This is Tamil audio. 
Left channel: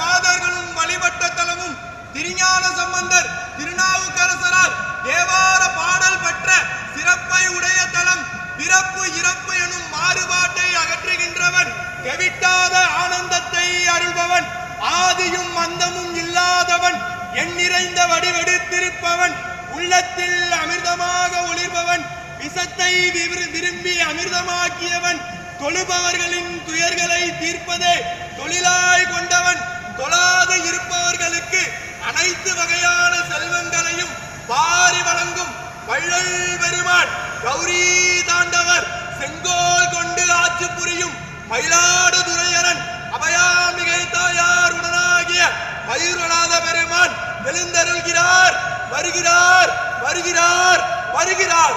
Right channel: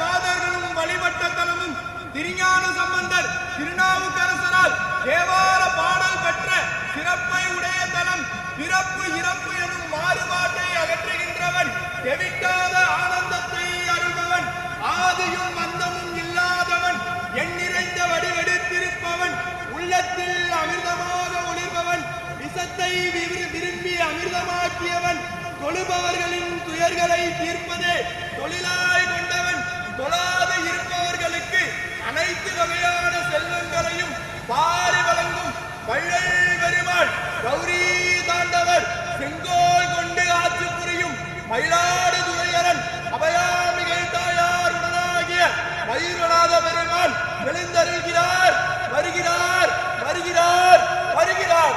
மாதர்களும் வழிபட்ட தலமும் திருஞான சம்பந்தர் திருநாவுக்கரசரால் தேவார பாடல் பெற்ற சிறப்பை உடைய தலம். பிறப்பு இறப்பு எனும் மாறுபாட்டை அகற்றுகின்றவன், தெவிட்டாத ஆனந்தத்தை அருள்பவன், ஆதியும் அந்தமும் இல்லாதவன், எண்ணிறைந்த வடிவெடுத்திருப்பவன், உள்ளத்தில் அமிர்தமாக ஒளிர்பவன், விஷத்தை விரும்பி அமிர்தமாக்கியவன், தொழுபவர்களின் துயர்களை தீர்ப்பதே தொழிலாய் கொண்டவன், தொழாது இருப்பவர்களுக்கு அனைத்து வகையான செல்வங்களையும் பாரி வழங்கும் வள்ளல் பெருமாள், கௌரி தாண்டவர், செங்கோல் கொண்டு ஆட்சி புரியும் மயிலாடுதுறையரன், அபயாமிகை தாயார் உடனாகிய மயூரநாத பெருமான் எழுந்தருள்கிறார். வருகிறார் வருகிறார் வருகிறார்.